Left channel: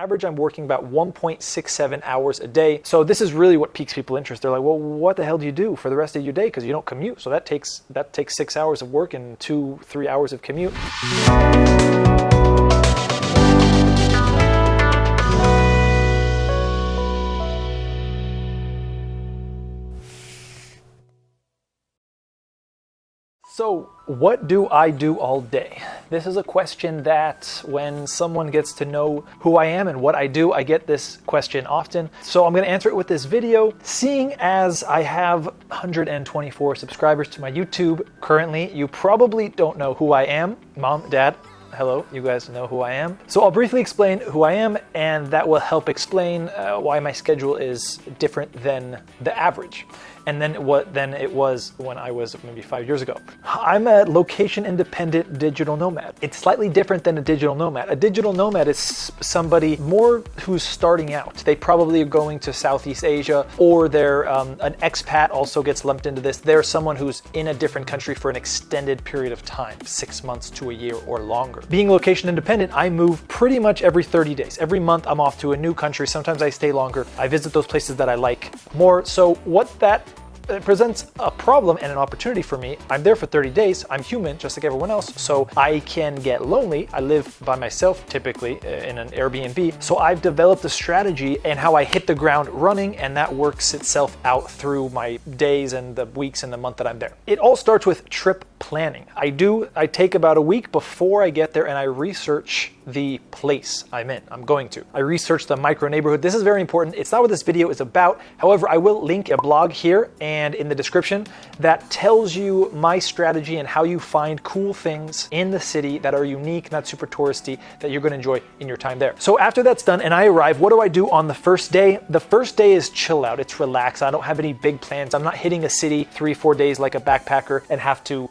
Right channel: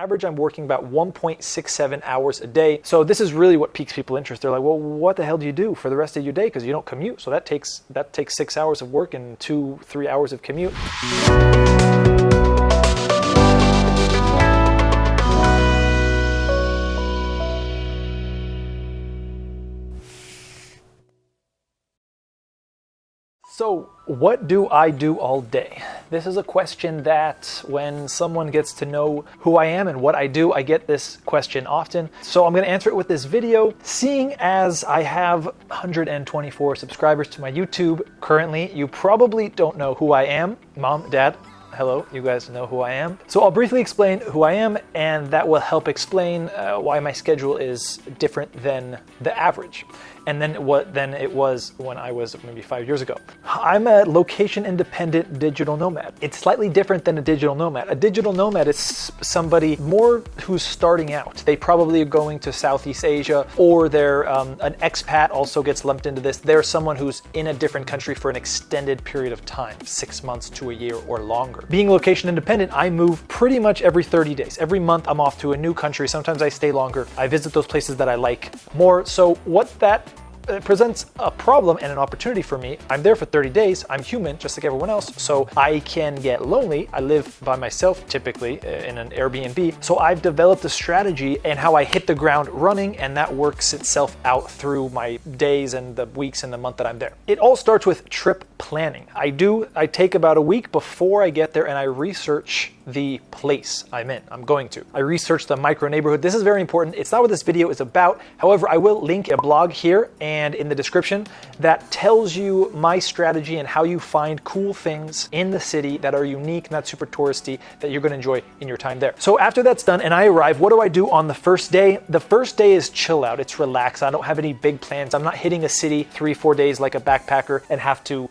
average, I'm working about 1.67 hours a day. So this is really what piques people's interest. They're like, well, what the hell do you do for the rest of your day? Because you don't commute. So that takes 6 hours of work and 2-3 hours of commute. So what do I do all day? This is a question that when someone gets to know who I am and what I do, I get this question often. So I'm going to answer it with this video. Seeing as I have 124 subscribers to my YouTube currently, you probably don't know who I am. Mom, Dad, hello, you guys know who I am. So I'll briefly explain who I am, and that will help explain why my schedule is different than the average. And then what it was when I was maybe 5 years ago. I'm a location-independent digital nomad. It's slightly different than a digital nomad. A digital nomad is somebody more who's starting out. They probably are going to Southeast Asia, or they're an expat also gets lumped into this. They're someone who's in a different country for an extended period of time, 6 months to a year or longer. Being location-independent, I move pretty much every 30 days. Every month I'm off to a new country. Sometimes I stay longer. I visit those places that I like more. So what that presents a problem and an opportunity for me. I'm there for 30 days. I'm human, just like everyone else, so I can get lonely. I live by myself, typically in an Airbnb. So I've developed a strategy and how I hit the ground running, and that works itself out through my days and the weeks and the month that I'm there. It all starts with trip planning. I take about a week before I get there and I research the place I'm in. I research the micro neighborhood. This is very important. It's not what this video is about. However, I will link a blog here and in the description that tells you my strategy and how you find cool things in the city that are unique and that's super touristy that you're going to enjoy in your time there. So after that's done and I arrive, what do I do on the first day? The first day is chill out. It's relax. I don't have any big plans. I'm not hitting a city 3-4 days like a backpacker and have to,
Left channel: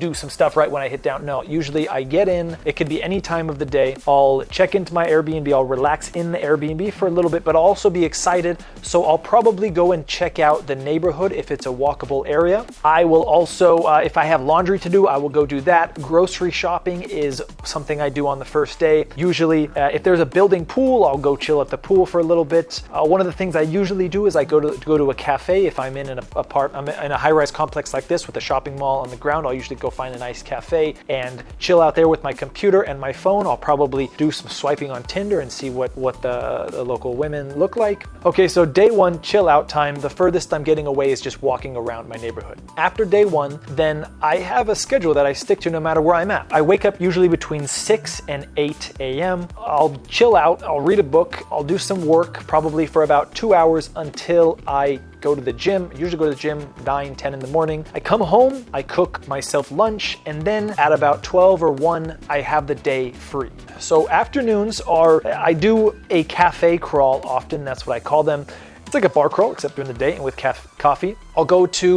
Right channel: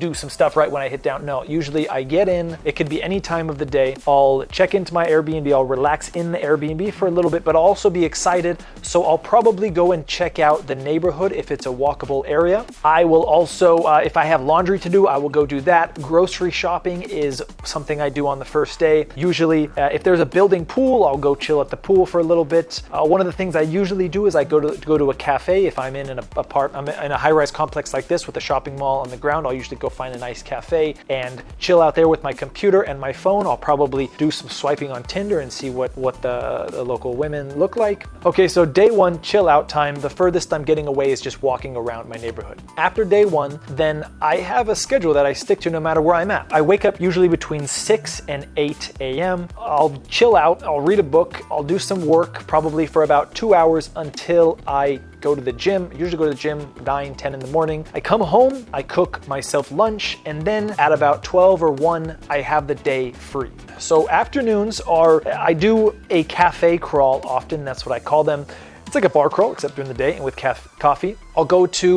do some stuff right when I hit down. No, usually I get in. It can be any time of the day. I'll check into my Airbnb. I'll relax in the Airbnb for a little bit, but I'll also be excited. So I'll probably go and check out the neighborhood if it's a walkable area. I will also, if I have laundry to do, I will go do that. Grocery shopping is something I do on the first day. Usually, if there's a building pool, I'll go chill at the pool for a little bit. One of the things I usually do is I go to a cafe. If I'm in I'm in a high-rise complex like this with a shopping mall on the ground, I'll usually go find a nice cafe and chill out there with my computer and my phone. I'll probably do some swiping on Tinder and see what the local women look like. Okay, so day one, chill out time. The furthest I'm getting away is just walking around my neighborhood. After day one, then I have a schedule that I stick to no matter where I'm at. I wake up usually between 6 and 8 a.m. I'll chill out, I'll read a book, I'll do some work probably for about 2 hours until I go to the gym. I usually go to the gym 9, 10 in the morning. I come home, I cook myself lunch, and then at about 12 or 1, I have the day free. So afternoons I do a cafe crawl often, that's what I call them. It's like a bar crawl, except during the day and with coffee. I'll go to,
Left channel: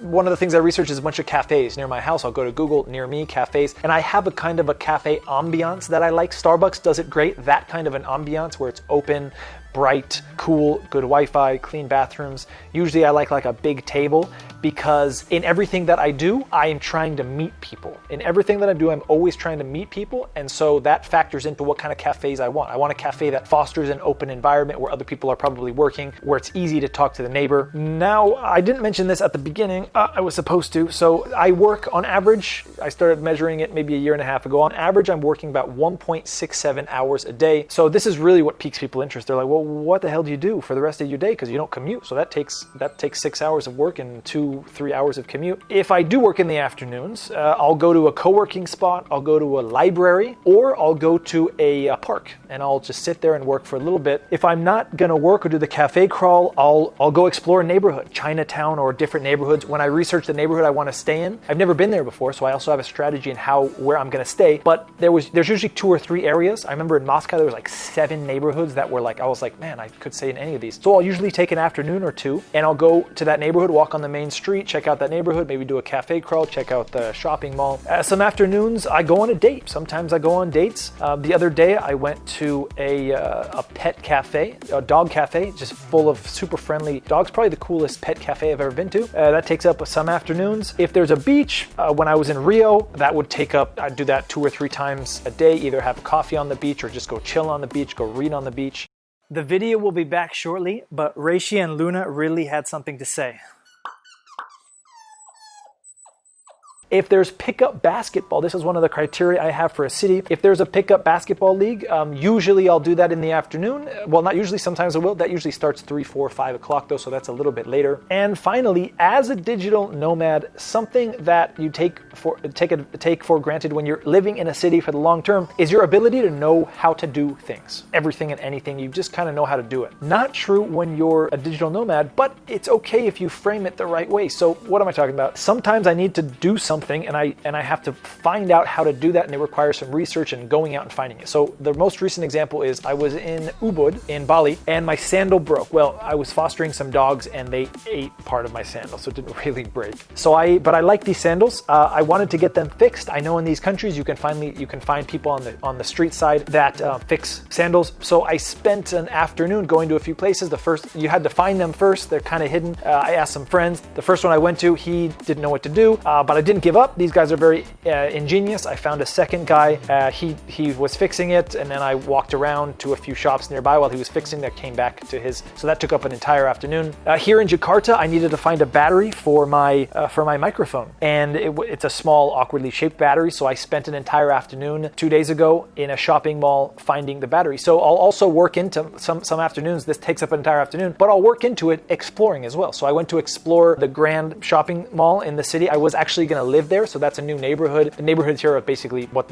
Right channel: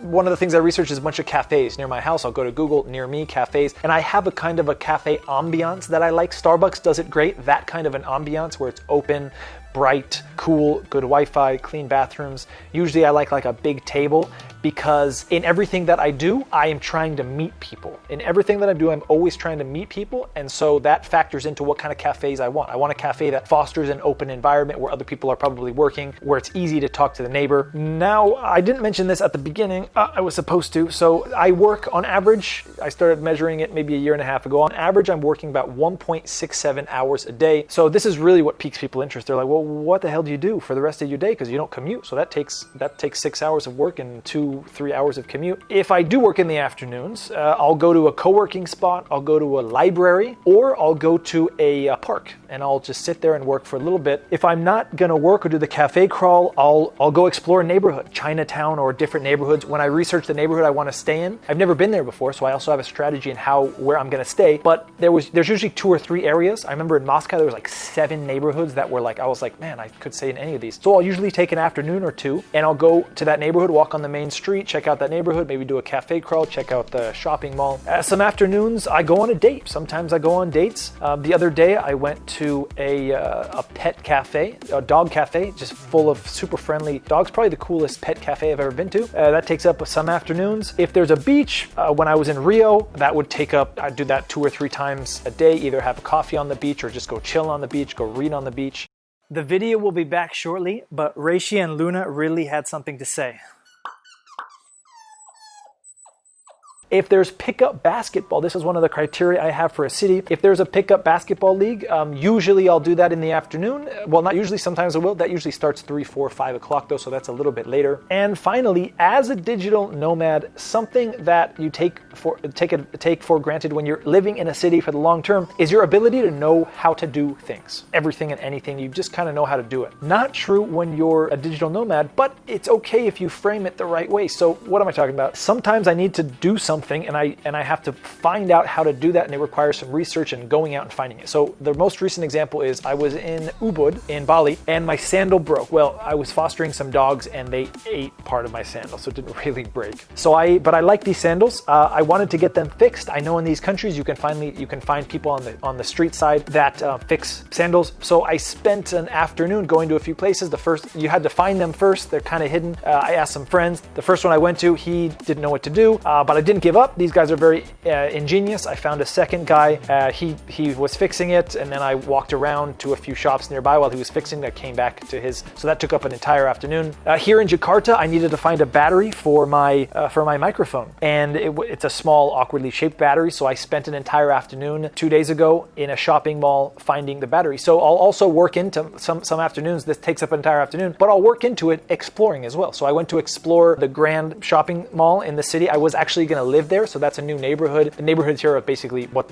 one of the things I research is a bunch of cafes near my house. I'll go to Google near me cafes, and I have a kind of a cafe ambiance that I like. Starbucks does it great, that kind of an ambiance where it's open, bright, cool, good Wi-Fi, clean bathrooms. Usually I like a big table because in everything that I do, I am trying to meet people. In everything that I do, I'm always trying to meet people. And so that factors into what kind of cafes I want. I want a cafe that fosters an open environment where other people are probably working, where it's easy to talk to the neighbor. Now, I didn't mention this at the beginning. I was supposed to. So I work on average, I started measuring it maybe a year and a half ago. On average, I'm working about 1.67 hours a day. So this is really what piques people's interest. They're like, well, what the hell do you do for the rest of your day? Because you don't commute. So that takes 6 hours of work and 2-3 hours of commute. If I do work in the afternoons, I'll go to a co-working spot, I'll go to a library, or I'll go to a park and I'll just sit there and work for a little bit. If I'm not gonna work or do the cafe crawl, I'll go explore a neighborhood, Chinatown or different neighborhoods. When I research the neighborhood I want to stay in, I've never been there before, so I also have a strategy in where I'm gonna stay. But there's usually 2 or 3 areas. I remember in Moscow there was like 7 neighborhoods that were like, I was like, man, I could stay in any of these. So I'll usually take an afternoon or 2 and I'll go to that neighborhood, walk on the main street, check out that neighborhood, maybe do a cafe crawl, check out the shopping mall. Some afternoons I go on a date. Sometimes I go on dates. The other day I went to a pet cafe, a dog cafe, just full of super friendly dogs. Probably the coolest pet cafe cafe I've ever been to. That takes up some afternoons. If there's a beach, when I was in Rio, that would take up, I'd do that 2 or 3 times a day, either have a coffee on the beach or just go chill on the beach, go read on the beach. The video will be back shortly, but Reishi and Luna really had something to say. If there's pickup basketball, this is one of the criteria I have for a city. If there's a pickup basketball league, usually I'll do that in the afternoon. Well, not usually, sometimes I will. That usually starts 3, 4, 5 o'clock though, so that's a little bit later. And finally, as a digital nomad, something that you take for granted when you're living in a city for the long term is your ability to know how to do things. Everything and anything, you just kind of know how to do it. Not true when you're a digital nomad, but it's okay if you frame it the right way. So what am I talking about? Sometimes I need to do something and I have to find out how to do that, and it requires some research and going out and finding it. So the most recent example is I was in Ubud in Bali and my sandal broke. Well, I was fostering some dogs and they ate part of my sandal, so it didn't really break. But I like these sandals. I wanted to get them fixed. I know in these countries you can find people on the street side that fix sandals. So I spent an afternoon going to a few places. The first, you had to find them first. They're kind of hidden. I asked some friends. The first one I went to, he didn't know what to do, but I didn't give up. These guys are very ingenious. I found a second guy. He was fixing it, and then I walked around to a few shops nearby while he was fixing that, came back to his. So that took up an entire afternoon. Here in Jakarta, I needed to find a battery for my microphone, and it's a small, awkwardly shaped battery. So I spent an entire afternoon 2 days ago in a shopping mall finding the battery. So I'll also work into some afternoons. This takes up an entire afternoon, but I'll work into it exploring as well. So I went to explore the Grand Shopping Mall in the city. I was actually going to live there, so that's a new neighborhood. The neighborhoods here are basically what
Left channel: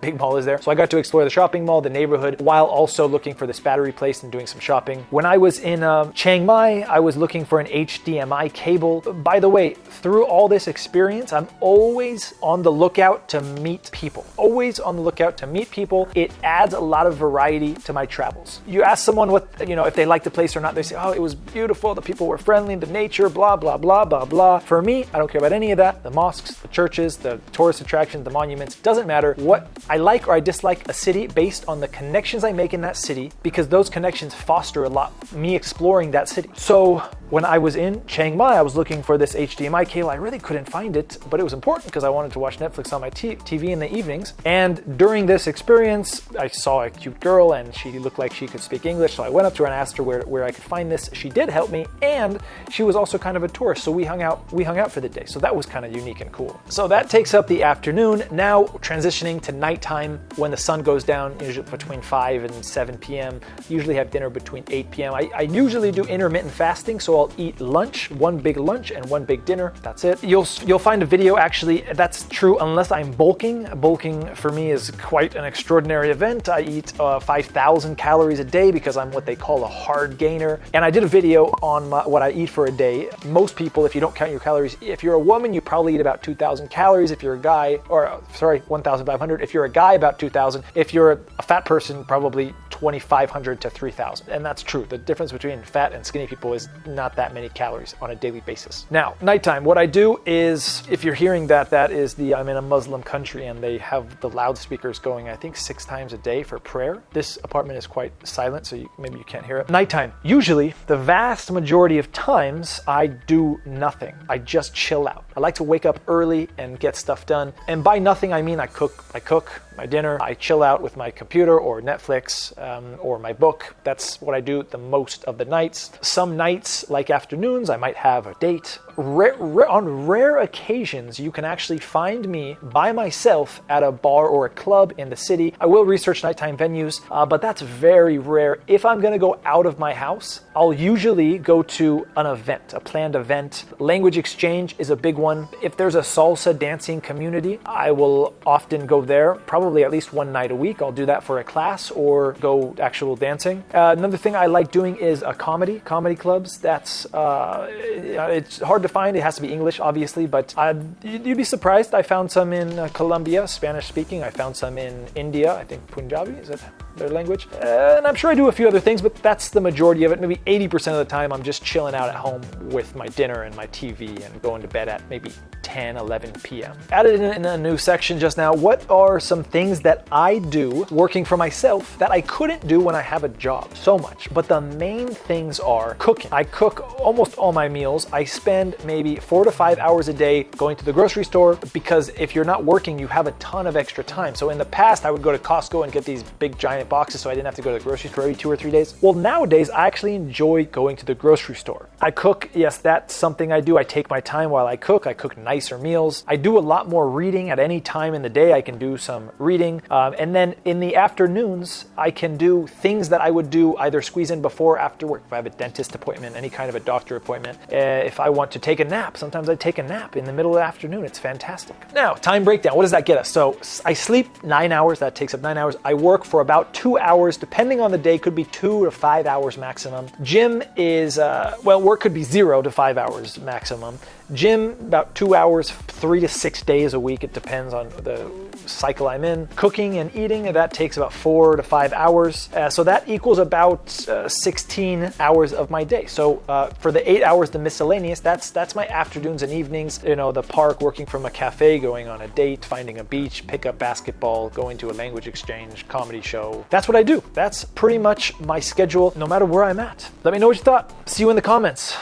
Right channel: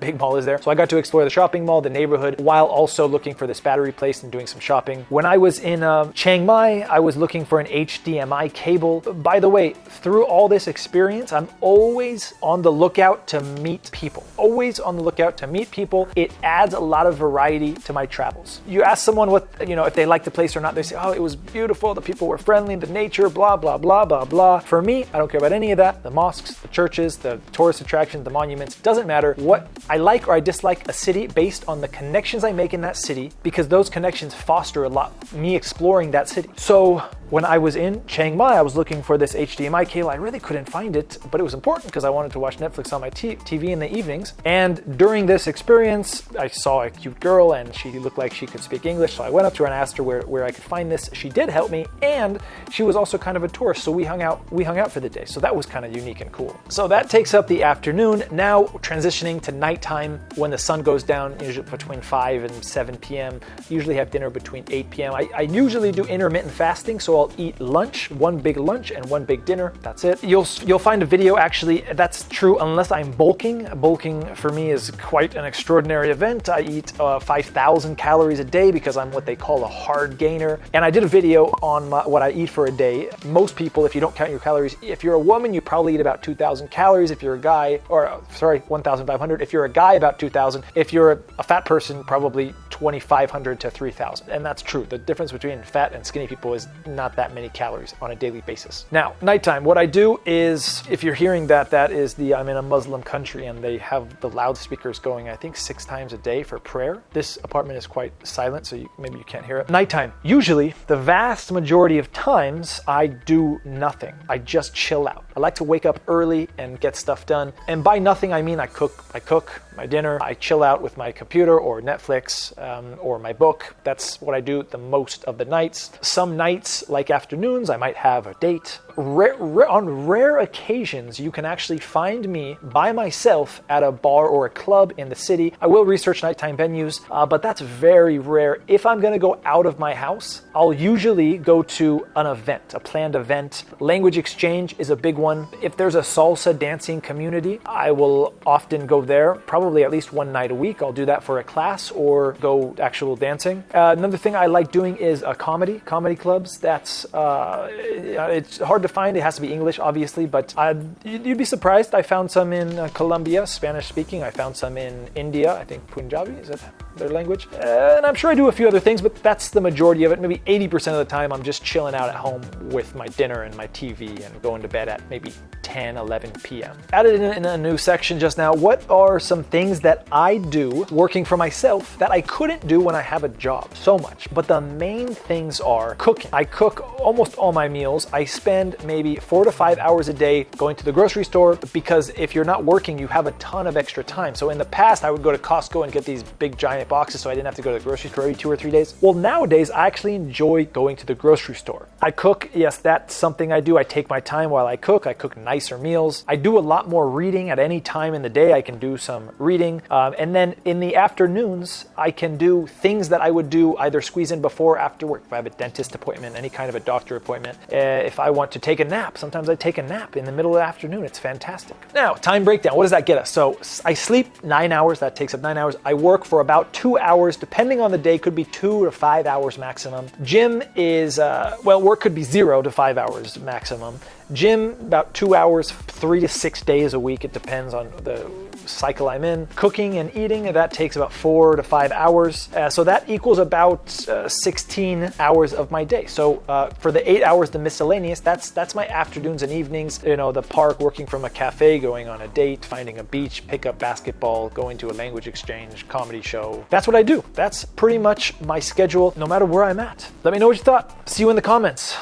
big mall is there. So I got to explore the shopping mall, the neighborhood, while also looking for this battery place and doing some shopping. When I was in Chiang Mai, I was looking for an HDMI cable. By the way, through all this experience, I'm always on the lookout to meet people. Always on the lookout to meet people. It adds a lot of variety to my travels. You ask someone if they like the place or not, they say, oh, it was beautiful, the people were friendly, the nature, blah, blah, blah, blah, blah. For me, I don't care about any of that. The mosques, the churches, the tourist attractions, the monuments, doesn't matter. What I like or I dislike a city based on the connections I make in that city, because those connections foster a lot me exploring that city. So when I was in Chiang Mai, I was looking for this HDMI cable. I really couldn't find it, but it was important because I wanted to watch Netflix on my TV in the evenings. And during this experience, I saw a cute girl and she looked like she could speak English. So I went up to her and asked her where I could find this. She did help me, and she was also kind of a tourist. So we hung out for the day. So that was kind of unique and cool. So that takes up the afternoon. Now transitioning to nighttime when the sun goes down, usually between 5 and 7 p.m. Usually have dinner between 8 p.m. I usually do intermittent fasting, so I'll eat lunch, one big lunch and one big dinner. That's it. You'll find a video, actually, that's true unless I'm bulking. Bulking for me is quite an extraordinary event. I eat 5,000 calories a day because I'm what they call a hard gainer. And I did a video on what I eat for a day. Most people, if you don't count your calories, if you're a woman, you probably eat about 2,000 calories. If you're a guy, 1,500. If you're a guy, about 2,000. If you're a fat person, probably 2,500 to 3,000. And that's true. The difference between fat and skinny people is not that many calories on a daily basis. Now, nighttime, what I do is, if you're hearing that is I'm in a Muslim country and they have the loudspeakers going, I think 6 times a day for prayer. This apartment is quite silent, so maybe you can't hear it. Nighttime, usually the vast majority of times I do nothing. I just chill out. I like to wake up early and get stuff done. And by nothing, I mean I cook my dinner, I chill out with my computer or Netflix or my book. That's what I do the most of the nights. Some nights, like afternoons, I might have a date. On rare occasions, you can actually find me by myself at a bar or a club in the city. I will research nighttime venues, but that's very rare. If I'm going to go out of my house, I'll usually go to an event, a planned event. Language exchange is a big one. If there's a salsa dancing community, I will often go there, probably at least one night a week. I'll do that for a class or go actual dancing. Another thing I like doing is comedy clubs. That's it's hard to find. It has to be English, obviously, but you'd be surprised. I found some in Colombia, Spanish speaking. I found some in India. I think Punjabi, is it their language? And I'm sure I do a few other things, but that's the majority of it. Maybe 80% of the time I'm just chilling out at home with my dinner and my TV and going to bed at maybe 10, 11 p.m. Added in a new section just now, what are some things that I do working for myself that I couldn't do when I have a job so much. But the main things are cooking. I cook almost all my meals. I spend maybe 4 to 5 hours a day going to the grocery store, because if you're not working, you have a ton of extra time. So in the past, I would go to Costco and get these big giant boxes so I didn't have to go to the grocery store every 2 or 3 days. Well, nowadays, I actually enjoy going to the grocery store. I cook, yes, that's something I do. I take my time while I cook nicer meals. I do a lot more reading at any time in the day. I can do some reading. And then in the afternoons, I can do things that I would do either squeeze in before or after work. If I have a dentist appointment, any kind of a doctor appointment, and if I want to take a nap, sometimes I take a nap in the middle of the afternoon. It's fantastic. Now, time breakdown. What does that get us? So I sleep 9 hours. That takes up 9 hours. I work for about 2 hours, depending on the day. Could be 2 or 5 hours maximum. Gym is, work could be 0 to 5 hours maximum. Gym, about 2 hours, 3 to 6 days a week. It depends on the cycle I'm in. Cooking and eating, that takes about 4 to 5 hours. So that equals about 16 hours of my day. So for the 8 hours, the miscellaneous, that's my afternoons and evenings. You know, the park, working from a cafe, going on a date, finding a beach, pick up basketball, going to a language exchange, comedy show. That's what I do. That's pretty much my schedule, no matter where I'm at. Let me know what you thought. See you in the comments.